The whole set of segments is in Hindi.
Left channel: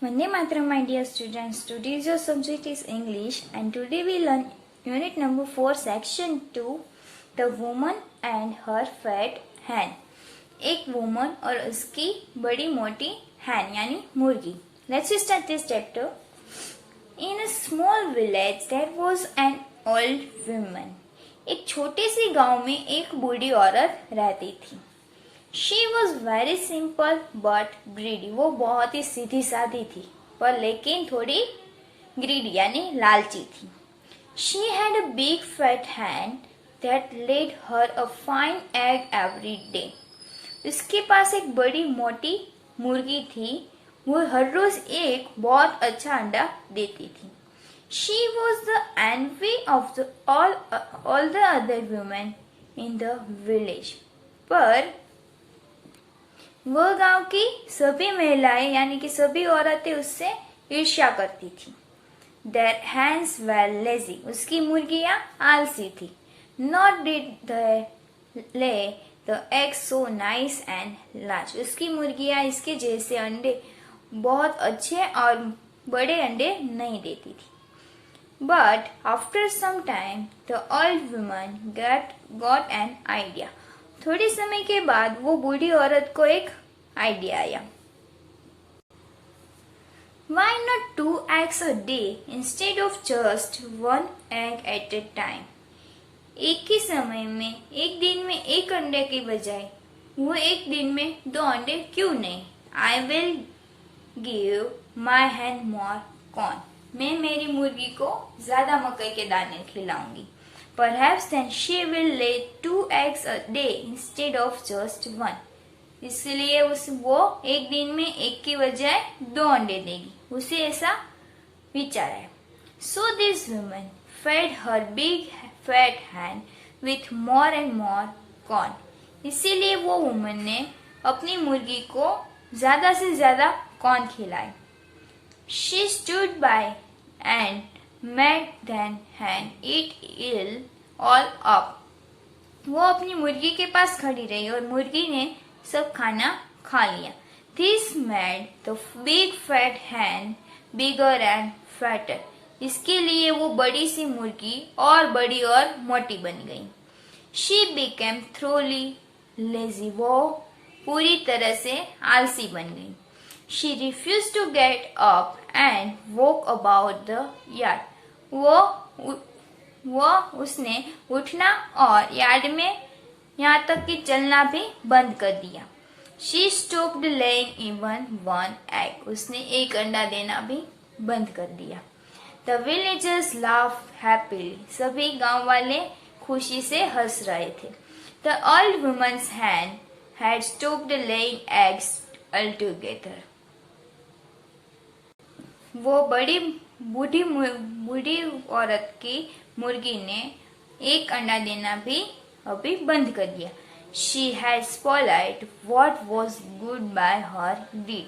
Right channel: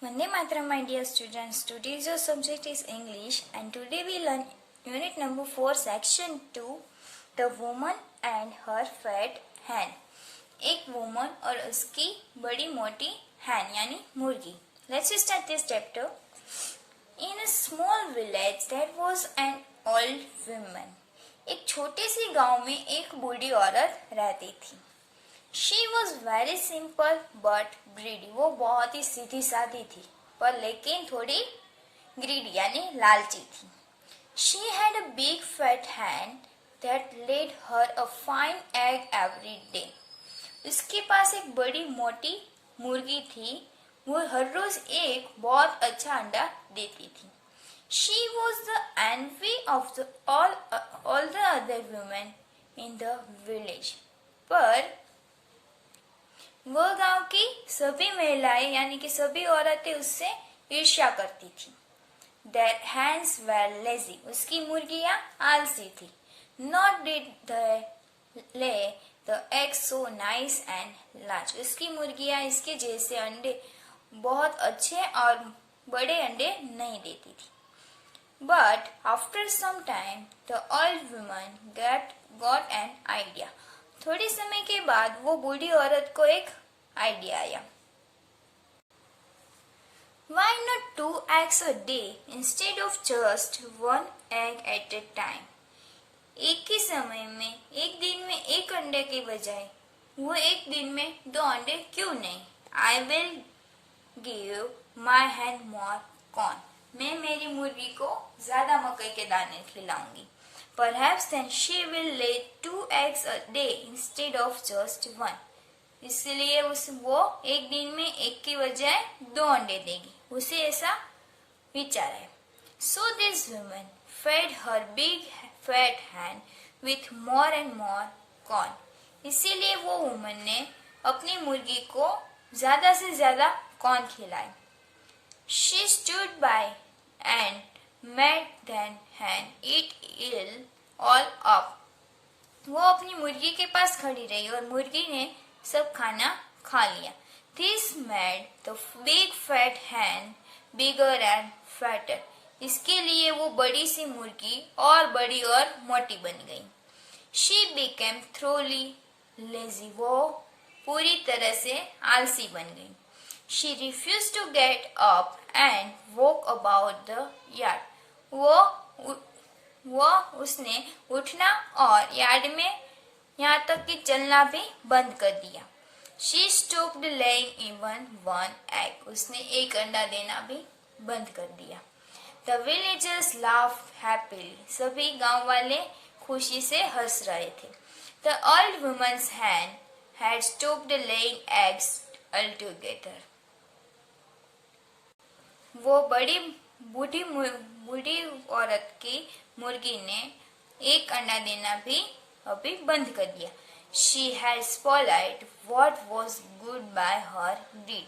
Vande Mataram, my dear students. Today's your subject is English, and today we learn unit number 4, section 2, the woman and her fat hen. एक वुमन और उसकी बड़ी मोटी हैन यानी मुर्गी. Let's start this chapter. In a small village there was an old woman. एक छोटे से गांव में एक बूढ़ी औरत रहती थी. She was very simple but greedy. वो बहुत ही सीधी सादी थी पर लेकिन थोड़ी greedy यानी लालची थी. She had a big fat hen that laid her a fine egg every day. उसके पास एक बड़ी मोटी मुर्गी थी. वो हर रोज एक बहुत अच्छा अंडा देती थी. She was the envy of all the other women in the village. पर वह गांव की सभी महिलाएं यानी कि सभी औरतें उससे ईर्ष्या करती थी. Their hens were lazy. उसकी मुर्गियां आलसी थी. Not did they lay the eggs so nice and large. उसकी मुर्गियां इसके जैसे अंडे बहुत अच्छे और बड़े अंडे नहीं देती थी. But after some time, the old woman got an idea. थोड़े समय के बाद वो बूढ़ी औरत को एक आइडिया आया. Why not 2 eggs a day instead of just 1 egg at a time? एक ही समय में एक दिन में एक अंडे के बजाय वो एक दिन में 2 अंडे क्यों नहीं? I will give my hen more corn. मैं मेरी मुर्गी को ज्यादा मकई के दाने खिलाऊंगी. Perhaps then she will lay 2 eggs a day instead of just 1. इसलिए वो एक दिन में एक की बजाय 2 अंडे देगी. उसे ऐसा विचार है. So this woman fed her big fat hen with more and more corn. इसीलिए वो वुमन ने अपनी मुर्गी को ज्यादा से ज्यादा कॉर्न खिलाए. She stood by and made the hen eat it all up. वो अपनी मुर्गी के पास खड़ी रही और मुर्गी ने सब खाना खा लिया. This made the big fat hen bigger and fatter. इसके लिए वो बड़ी सी मुर्गी और बड़ी और मोटी बन गई. She became thoroughly lazy. वो पूरी तरह से आलसी बन गई. She refused to get up and walk about the yard. उसने उठना और यार्ड में यहाँ तक कि चलना भी बंद कर दिया. She stopped laying even 1 egg. उसने एक अंडा देना भी बंद कर दिया. The villagers laughed happily. सभी गांव वाले खुशी से हंस रहे थे. The old woman's hen had stopped laying eggs altogether. वो बूढ़ी औरत की मुर्गी ने एक अंडा देना भी अभी बंद कर दिया. She had spoiled what was good by her deed.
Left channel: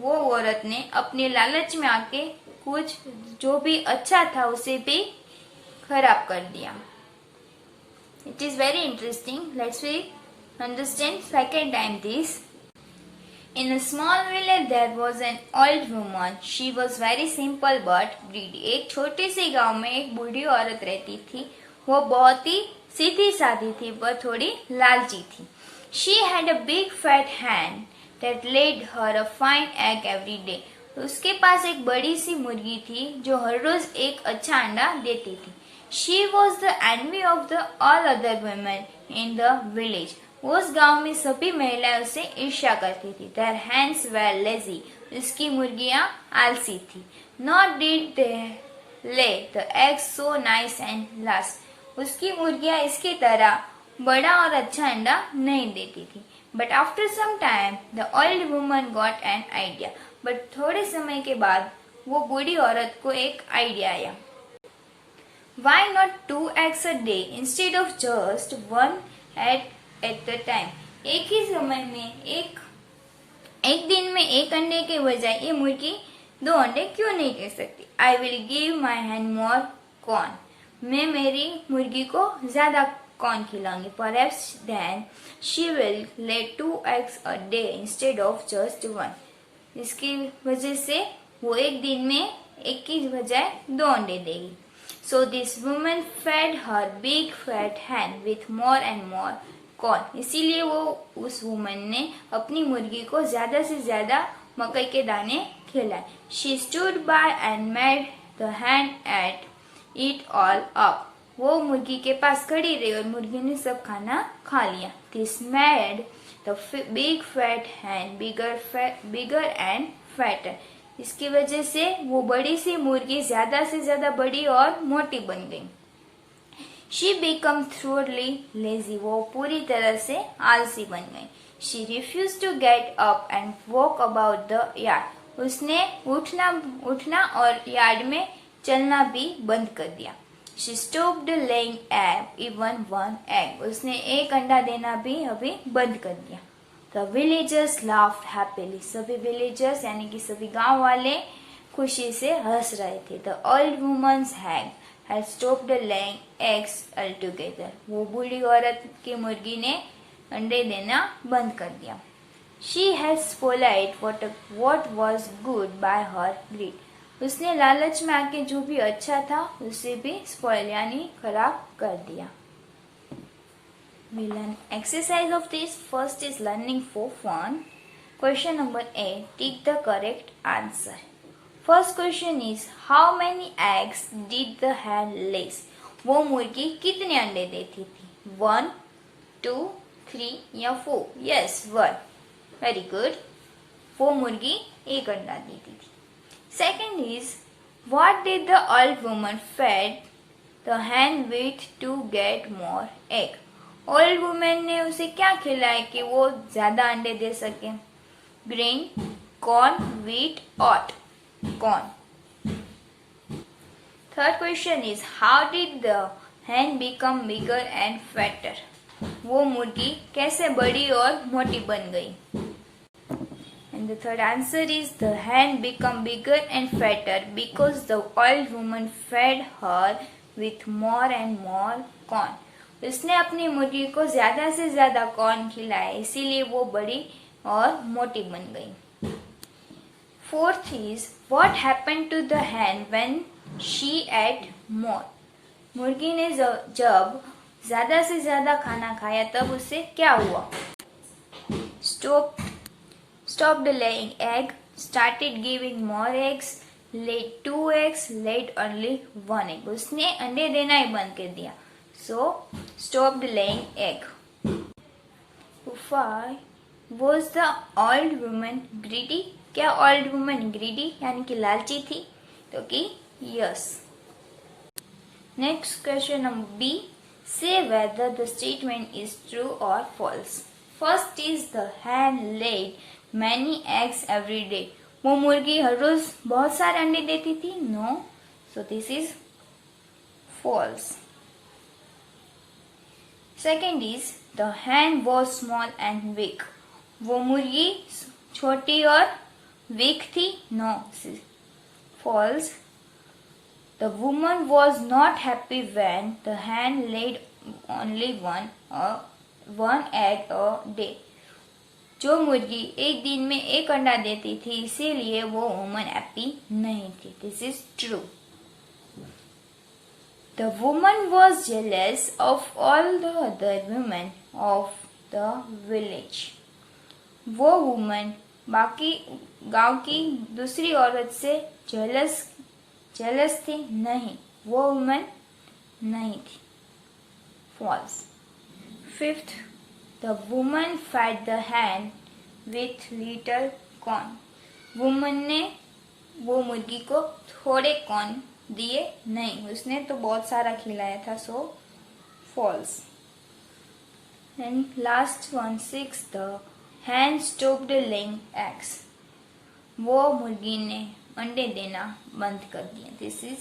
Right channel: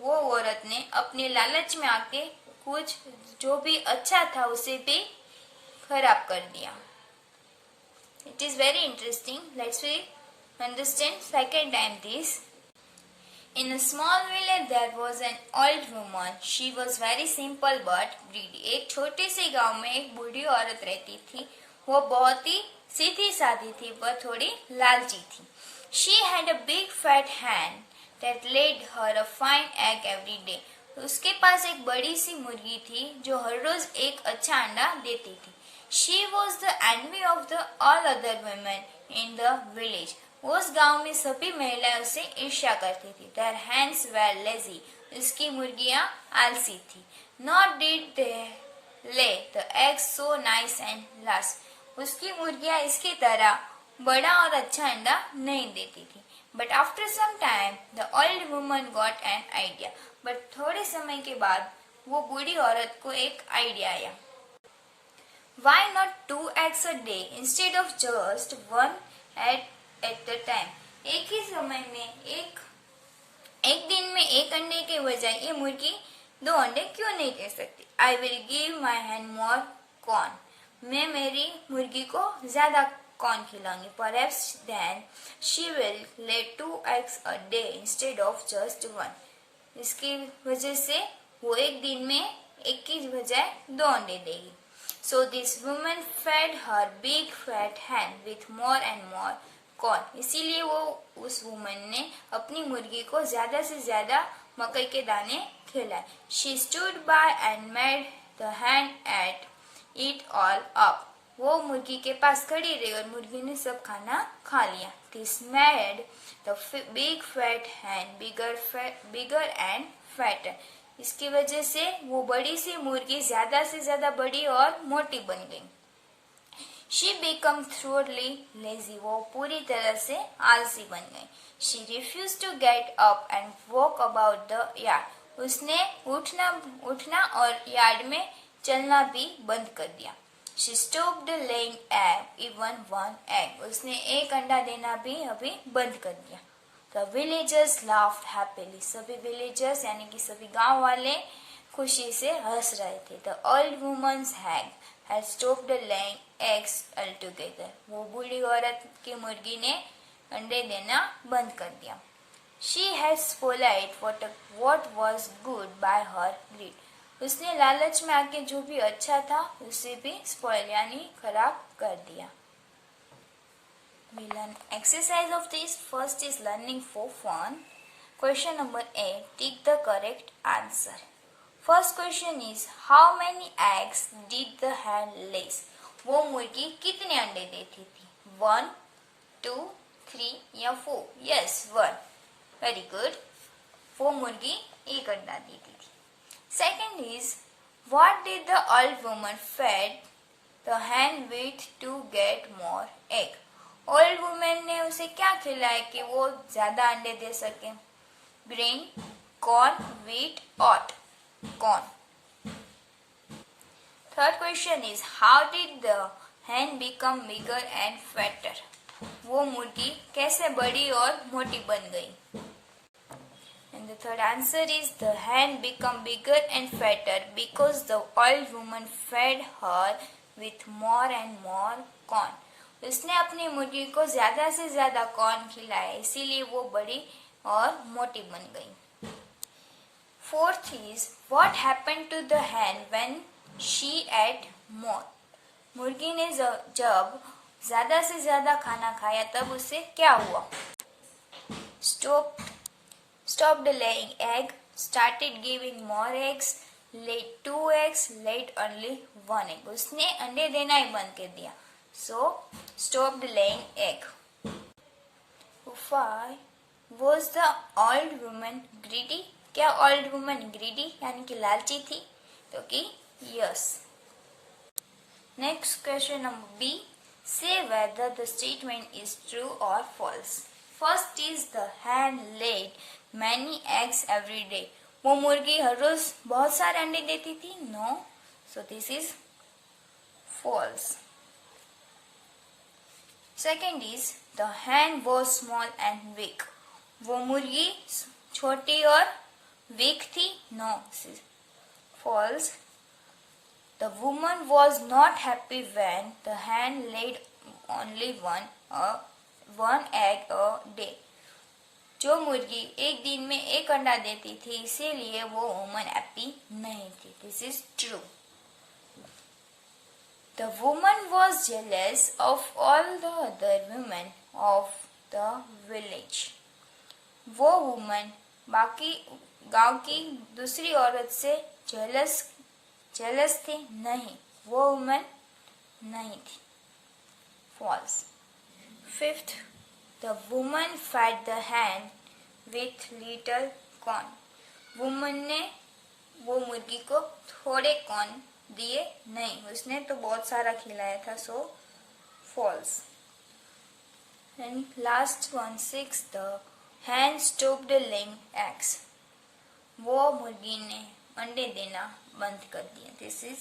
वो औरत ने अपने लालच में आके कुछ जो भी अच्छा था उसे भी खराब कर दिया. It is very interesting. Let's understand second time this. In a small village there was an old woman. She was very simple but greedy. एक छोटे से गांव में एक बूढ़ी औरत रहती थी. वो बहुत ही सीधी सादी थी पर थोड़ी लालची थी. She had a big fat hen that laid her a fine egg every day. उसके पास एक बड़ी सी मुर्गी थी जो हर रोज एक अच्छा अंडा देती थी. She was the envy of all other women in the village. उस गांव में सभी महिलाएं उसे ईर्ष्या करती थी. Their hens were lazy. उसकी मुर्गियां आलसी थी. Nor did they lay the eggs so nice and large. उसकी मुर्गियां इसकी तरह बड़ा और अच्छा अंडा नहीं देती थी. But after some time, the old woman got an idea. But थोड़े समय के बाद वो बूढ़ी औरत को एक आइडिया आया. Why not 2 eggs a day instead of just 1 at a time? एक ही समय में एक दिन में एक अंडे के बजाय ये मुर्गी 2 अंडे क्यों नहीं दे सकती? I will give my hen more corn. मैं मेरी मुर्गी को ज्यादा corn खिलाऊंगी. Perhaps then she will lay 2 eggs a day instead of just 1. इसकी वजह से वो एक दिन में एक की बजाय 2 अंडे देगी. So this woman fed her big fat hen with more and more corn. इसीलिए वो उस वुमन ने अपनी मुर्गी को ज्यादा से ज्यादा मकई के दाने खिलाए. She stood by and made the hen ate it all up. वो मुर्गी के पास खड़ी रही और मुर्गी ने सब खाना खा लिया. This made the big fat hen bigger and fatter. इसकी वजह से वो बड़ी सी मुर्गी ज्यादा से ज्यादा बड़ी और मोटी बन गई. She became thoroughly lazy. वो पूरी तरह से आलसी बन गई. She refused to get up and walk about the yard. उसने उठना और यार्ड में चलना भी बंद कर दिया. She stopped laying even one egg. उसने एक अंडा देना भी अभी बंद कर दिया. The villagers laughed happily. सभी villagers यानी कि सभी गांव वाले खुशी से हंस रहे थे. The old woman's hen had stopped laying eggs altogether. वो बूढ़ी औरत की मुर्गी ने अंडे देना बंद कर दिया. She had spoiled what was good by her greed. उसने लालच में आके जो भी अच्छा था उसे भी spoil यानी खराब कर दिया. We learn exercise of this. First is learning for fun. Question number 8. Tick the correct answer. First question is how many eggs did the hen lay? वो मुर्गी कितने अंडे देती थी? 1, 2, 3 या 4? Yes, 1. Very good. वो मुर्गी एक अंडा देती थी. Second is what did the old woman fed the hen with to get more egg? Old women ने उसे क्या खिलाया कि वो ज्यादा अंडे दे सके? Grain, corn, wheat, oat. Corn. Third question is how did the hen become bigger and fatter? वो मुर्गी कैसे बड़ी और मोटी बन गई? And the third answer is the hen become bigger and fatter because the old woman fed her with more and more corn. उसने अपनी मुर्गी को ज्यादा से ज्यादा कॉर्न खिलाया इसीलिए वो बड़ी और मोटी बन गई. Fourth is what happened to the hen when she ate more? मुर्गी ने जब ज्यादा से ज्यादा खाना खाया तब उसे क्या हुआ? Stopped laying egg, started giving more eggs, laid 2 eggs, laid only 1 egg. उसने अंडे देना ही बंद कर दिया. So, stopped laying egg. 5. Was the old woman greedy? क्या old woman greedy यानी कि लालची थी? तो कि yes. Next question number B. Say whether the statement is true or false. First is the hen laid many eggs every day. वो मुर्गी हर रोज बहुत सारे अंडे देती थी? No. So this is false. Second is the hen was small and weak. वो मुर्गी छोटी और weak थी? No. False. The woman was not happy when the hen laid only one egg a day. जो मुर्गी एक दिन में एक अंडा देती थी इसीलिए वो वुमन हैप्पी नहीं थी. This is true. The woman was jealous of all the other women of the village. वो वुमन बाकी गांव की दूसरी औरत से जेलस थी? नहीं, वो वुमन नहीं थी. False. Fifth, the woman fed the hen with little corn. Woman ने वो मुर्गी को थोड़े कॉर्न दिए नहीं, उसने तो बहुत सारा खिलाया था. So false. And last one 6. The hen stopped laying eggs. वो मुर्गी ने अंडे देना बंद कर दिए. This is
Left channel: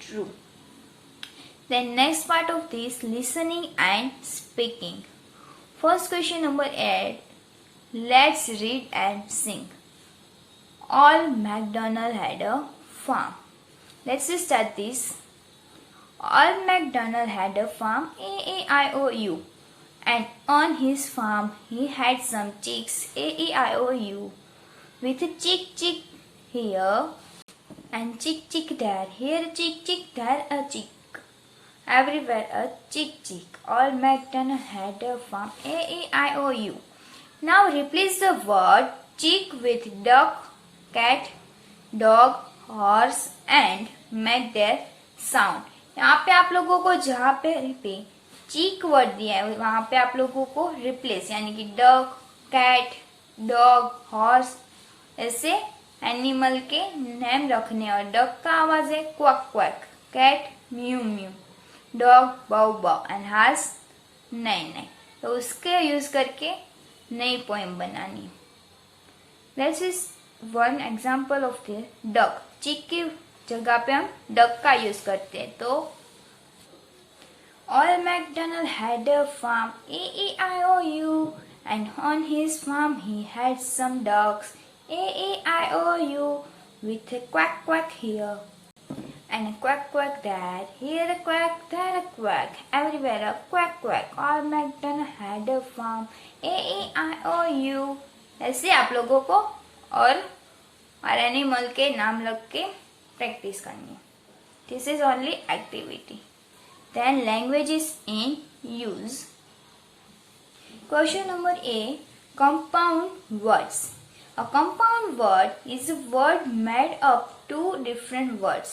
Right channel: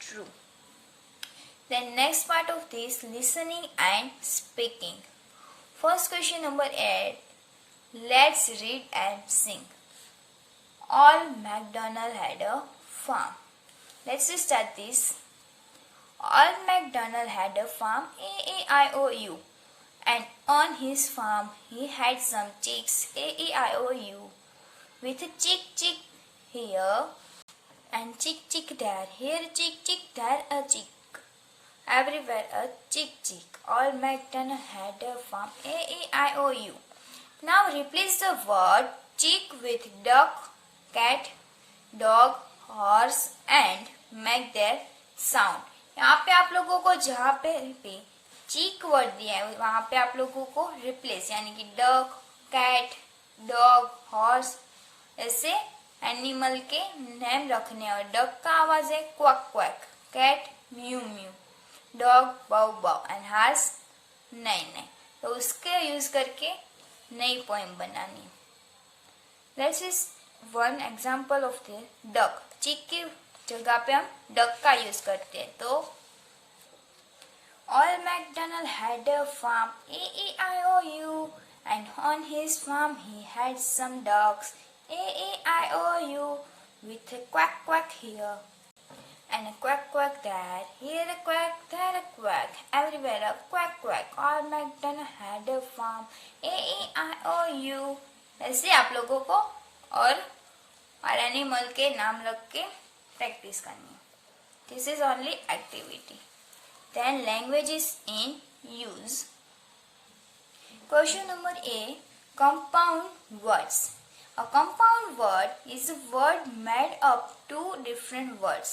true. Then next part of this listening and speaking. First question number 8. Let's read and sing. All MacDonald had a farm. Let's start this. All MacDonald had a farm, A-E-I-O-U. And on his farm he had some chicks, A-E-I-O-U. with a chick chick here and chick chick there. Here a chick chick, there a chick. Everywhere a chick chick. All MacDonald had a farm. A-E-I-O-U. Now replace the word chick with duck, cat, dog, horse and make their sound. यहाँ पे आप लोगों को जहाँ पे चीक वर्ड दिया है वहां पे आप लोगों को रिप्लेस यानी कि डक, कैट, डॉग, हॉर्स ऐसे एनिमल के नेम रखने। और डक का आवाज है क्वक क्वक, कैट म्यू म्यू, डॉग बाउ बाउ एंड हॉर्स नई नई। तो उसके यूज करके नई पोएम बनानी। This is one example of the duck. चिक की जगह पे हम डक का यूज करते हैं। तो All MacDonald had a farm, A-E-I-O-U, and on his farm he had some ducks, A-E-I-O-U, with a quack quack here, and a quack quack there, here a quack, there a quack, everywhere a quack quack. All MacDonald had a farm, A-E-I-O-U. ऐसे आप लोगों को और एनिमल के नाम लग के प्रैक्टिस करनी। This is only activity. Then language is in use. Question number A. Compound words. A compound word is a word made up two different words.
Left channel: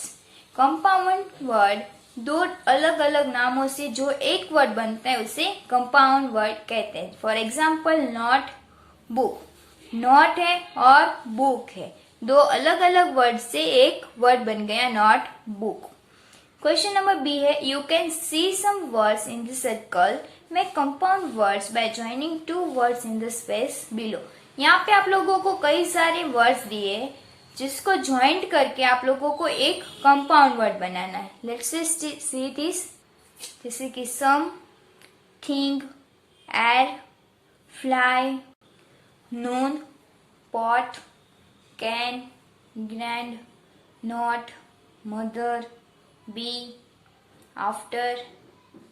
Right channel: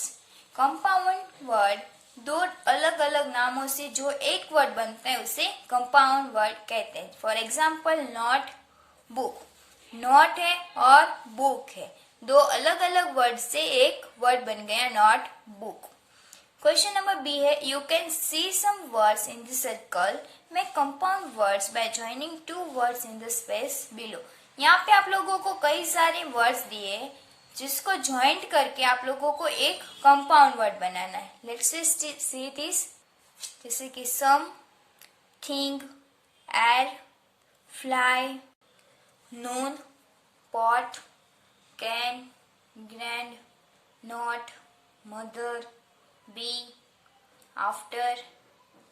Compound word दो अलग अलग नामों से जो एक वर्ड बनता है उसे compound word कहते हैं। For example, not book. Not है और book है, दो अलग अलग वर्ड से एक वर्ड बन गया not book. Question number B है You can see some words in the circle. Make compound words by joining two words in the space below. यहाँ पे आप लोगों को कई सारे वर्ड्स दिए जिसको ज्वाइंट करके आप लोगों को एक कंपाउंड वर्ड बनाना है। Let's see this. जैसे कि some, thing, air, fly, noon, pot, can, grand, not, mother, be, after,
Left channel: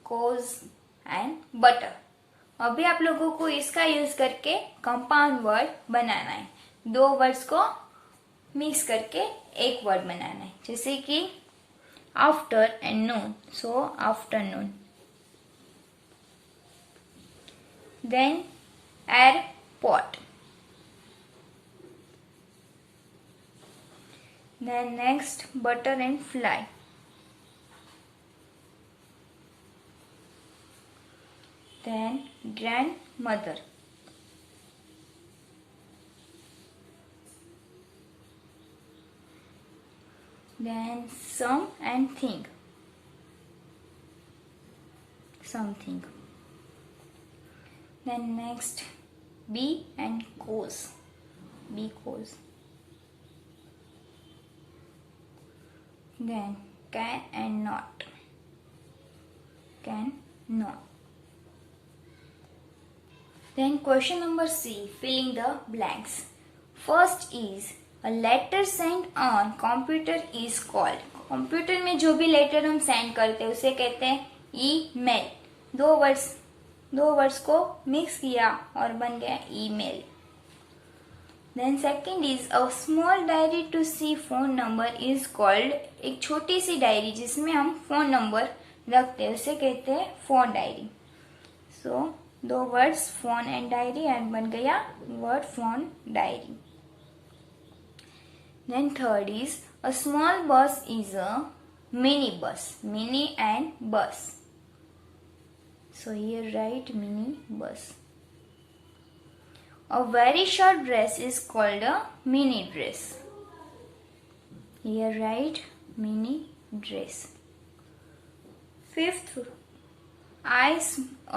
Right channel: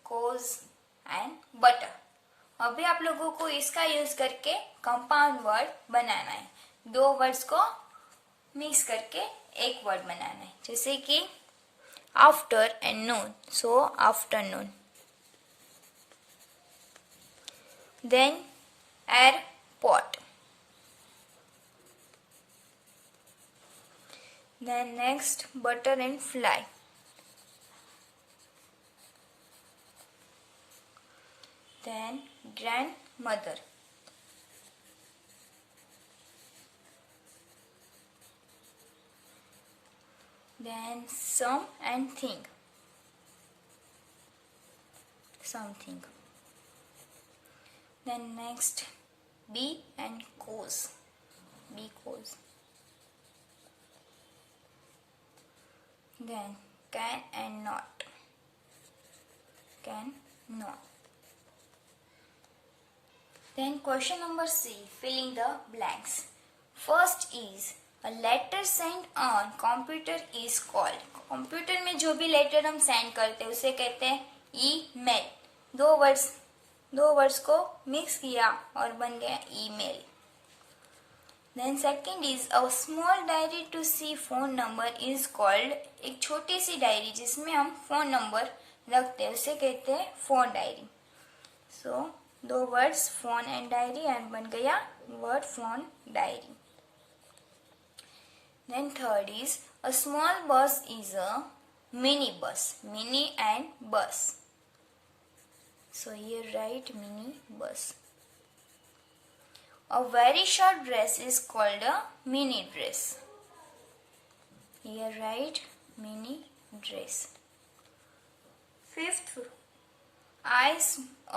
cause and butter. अभी आप लोगों को इसका यूज करके कंपाउंड वर्ड बनाना है। दो वर्ड्स को मिक्स करके एक वर्ड बनाना है। जैसे कि after and noon, so afternoon. Then airport. Then next butter and fly. Then grandmother. Then some and thing. Something. Then next be and cause. Be cause. Then can and not. Can not. Then question number C, filling the blanks. First is a letter sent on computer is called. Computer में जो भी लेटर हम सेंड करते हैं उसे कहते हैं ईमेल। दो वर्ड्स को मिक्स किया और बन गया email. Then second is a small diary to see phone number is called. एक छोटी सी डायरी जिसमें हम फोन नंबर रखते हैं उसे कहते हैं फोन डायरी। सो दो words phone and diary and बन गया word phone diary. Then third is a small bus is a mini bus. Mini and bus, so here write mini bus. A very short dress is called a mini dress. Here write mini dress. Fifth,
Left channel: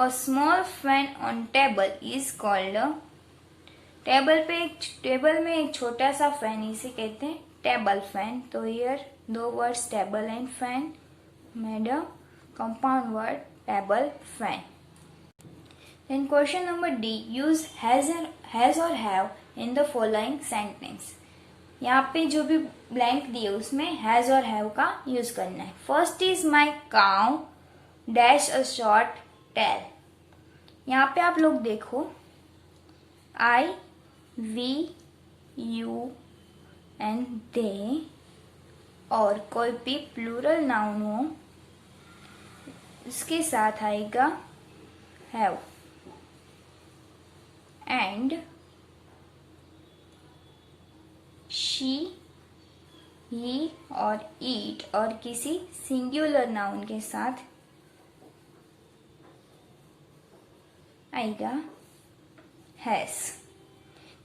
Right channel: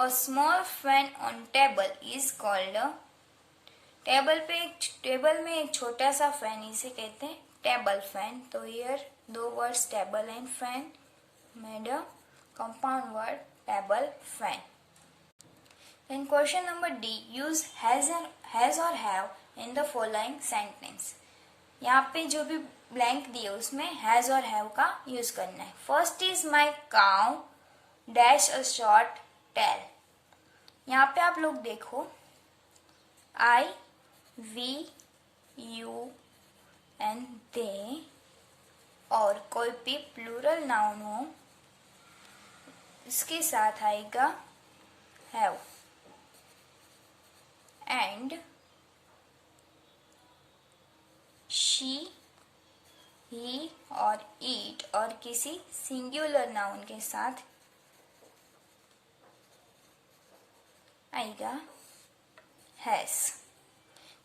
a small fan on table is called a table में एक छोटा सा फैन इसे कहते हैं टेबल फैन। तो हियर दो words table and fan made a compound word table fan. In question number D, use has और have in the following sentence. यहाँ पे जो भी ब्लैंक दिए उसमें हैज और हैव का यूज करना है। First is my cow dash a short tail. यहाँ पे आप लोग देखो आई, वी, यू एंड दे, और कोई भी प्लूरल नाउन हो इसके साथ आएगा हैव, एंड शी, ही और ईट, और किसी सिंगुलर नाउन के साथ आएगा हैज।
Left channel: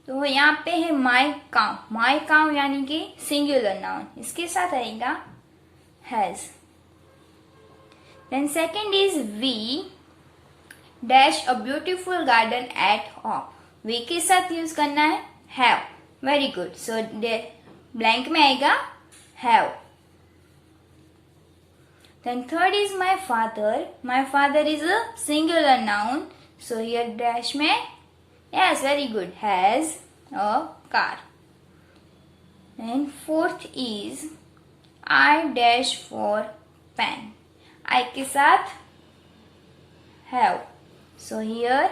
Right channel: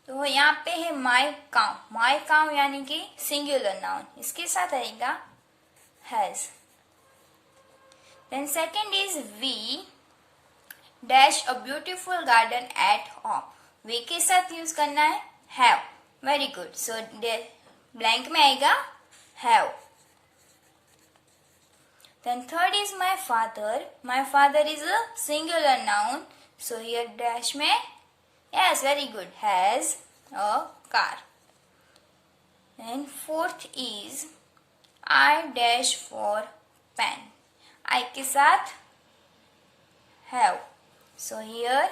तो यहाँ पे है माई काउ, माई काउ यानी कि सिंगुलर नाउन, इसके साथ आएगा has. Then second is we dash a beautiful garden at home, we के साथ यूज करना है have, very good. So blank में आएगा have. Then third is my father is a singular noun, so here dash में, yes, very good, has a car. Then fourth is I dash for pen, I के साथ have, so here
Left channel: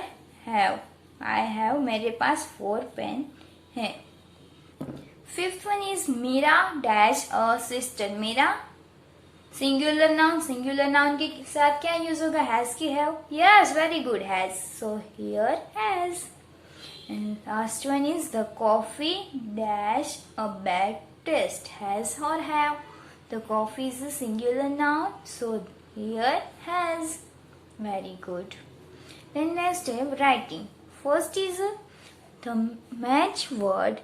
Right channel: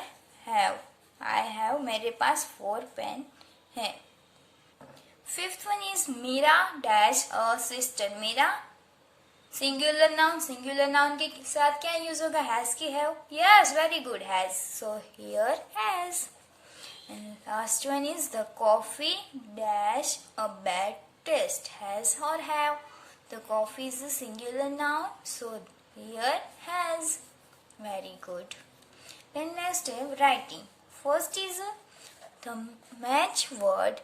have, I have, मेरे पास 4 पेन है। Fifth one is Meera dash a sister, Meera singular noun के साथ क्या यूज होगा, हैज की have, yes, very good, has, so here has. And last one is the coffee dash a bad taste, has or have, the coffee is a singular noun, so here has, very good. Then next step, writing. First is the match word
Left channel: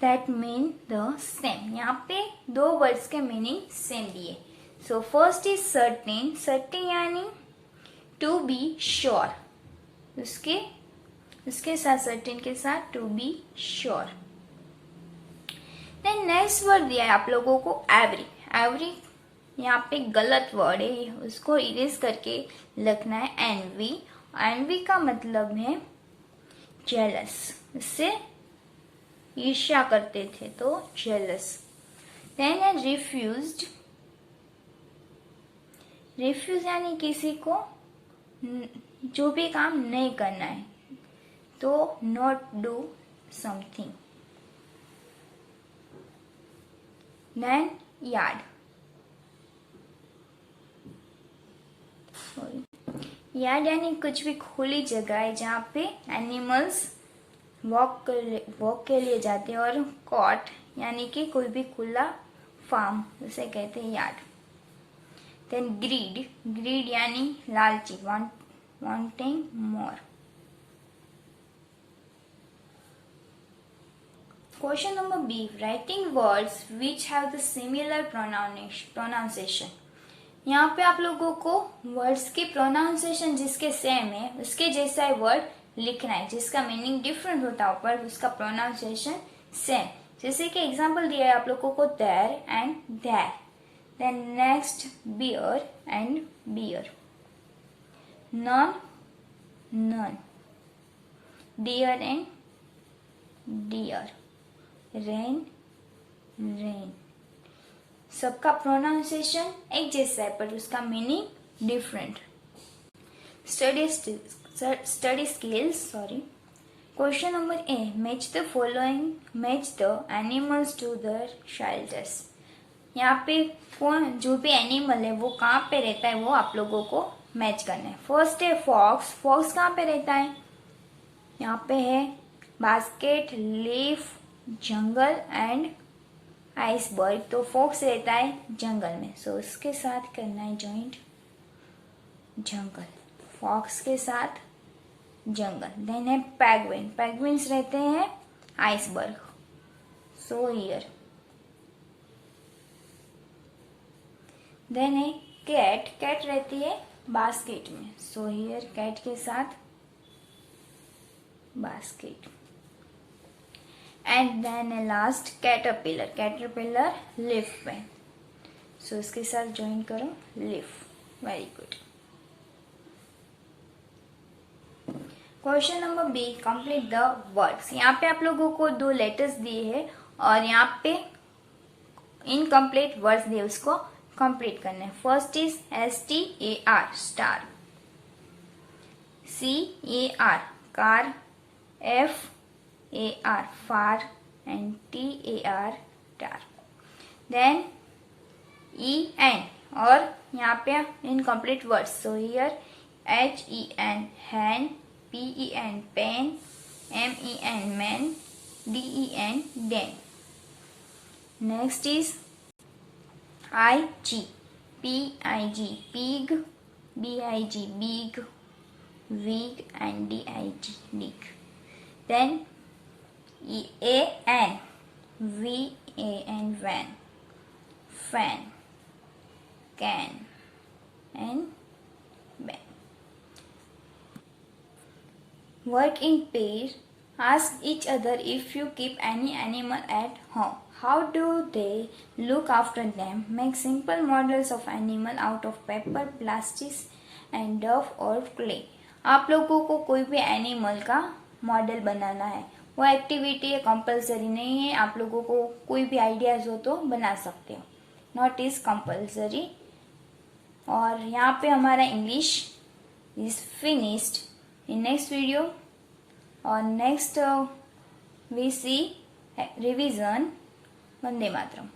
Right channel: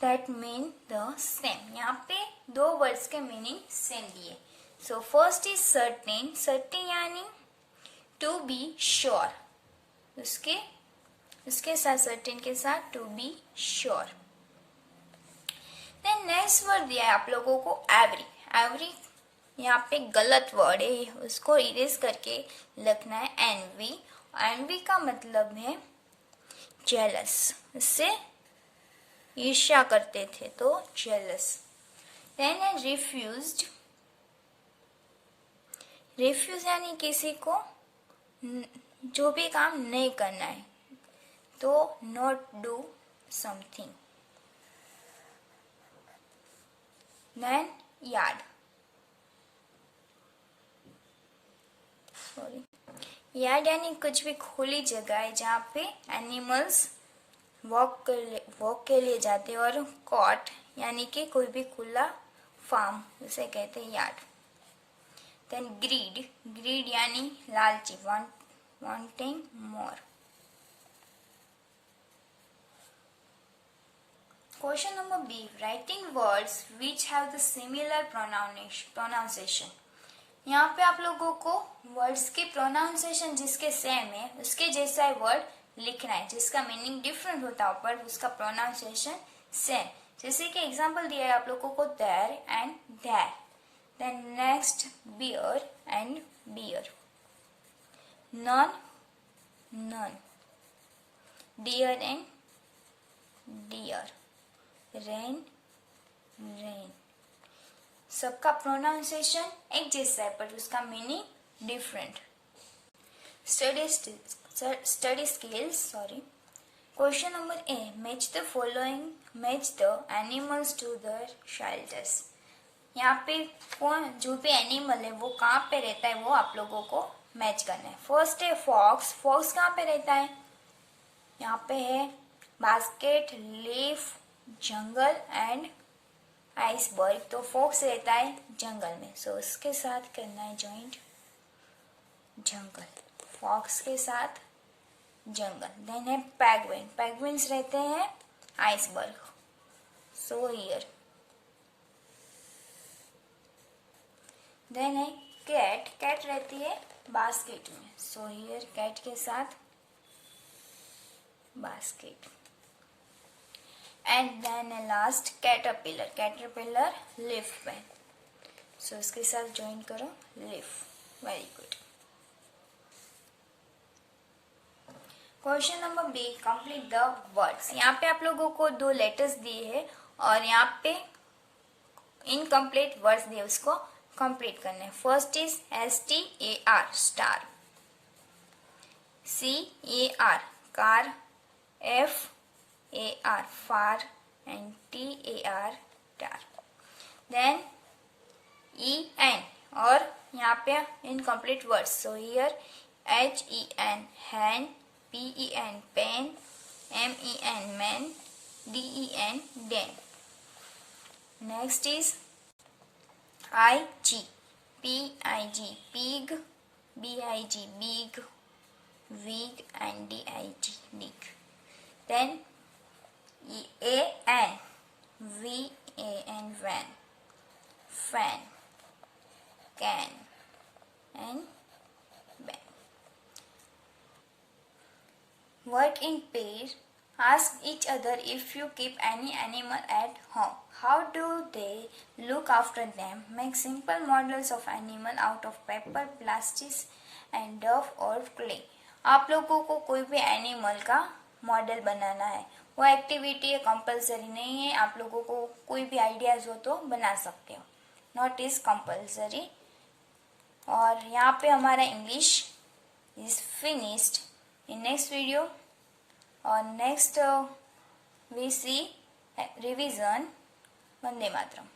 that mean the same, यहाँ पे 2 words के meaning same दिए। So first is certain यानी to be sure, उसके साथ सर्टेन के साथ to be sure. Then next word दिया है आप लोगों को एवरी यहाँ पे गलत वर्ड है, उसको इरेज करके लिखना है एनवी का मतलब है जेलस, इससे ईर्ष्या करते थे तो जेलस। देन है रिफ्यूज यानी किसी को जो भी काम नहीं करना है तो not do something. Then yard यानी कुछ भी खुली जगह है जहाँ पे एनिमल्स वॉक के लिए जाते हैं, और कॉट यानी कि कोई भी खुला फार्म, उसे कहते हैं यार्ड। देन ग्रीड यानी लालची, wanting more. Question number B, writing words which have the similar pronunciation. यहाँ पे आप लोगों को वर्ड्स की प्रोनाउंसिएशन जिसके सेम है उसके जैसा वर्ड लिखना है, जिसका मीनिंग डिफरेंट होता है पर उसका प्रोनाउंसिएशन सेम। जैसे कि एग्जांपल दिया है आप लोगों को there and their, then next bear and bare, nun, dear and deer, rain, सबका प्रोनाउंसिएशन एक जैसा है पर उसका meaning different. Study skills, question number A, match the animals to the shelters. यहाँ पे कौन जो भी एनिमल है वो कहाँ पे रहता है वो आप लोगों को मैच करना है। फर्स्ट है फॉक्स कहाँ पे रहता है, यहाँ पे है basket, leaf, jungle and iceberg, तो फॉक्स रहता है जंगल में, सो उसके साथ करना है जॉइंट जंगल, फॉक्स के साथ जंगल। देन है पेंगुइन्स रहते हैं आइसबर्ग, सो हियर। देन है कैट रहती है बास्केट में, सो हियर कैट के साथ basket. And then last caterpillar leaf पे, सो इसके साथ ज्वाइन करो leaf, very good. Question number B, complete the words. यहाँ पे आप लोगों को 2 लेटर्स दिए हैं और यहाँ पे इनकम्प्लीट वर्ड्स दिए, उसको कंप्लीट करना है। First is STAR star, CAR car, FAR far, and TAR tar. Then EN और यहाँ पे incomplete words. So here HEN hen, PEN pen, MEN men, DEN den. Next is IG, PIG pig, BIG big, wig and DIG dig. Then AN, VAN van, fan, can and ban. Work in pair. Ask each other if you keep any animal at home. How do they look after them? Make simple models of animal out of paper, plastic and duff or clay. आप लोगों को कोई भी एनिमल का मॉडल बनाना है. वो एक्टिविटी है, कंपलसरी नहीं है. आप लोगों को कोई भी आइडियाज हो तो बना सकते हो. Not is compulsory. और यहाँ पे हमारा English is finished. In next video or next we see revision. Vande Mataram.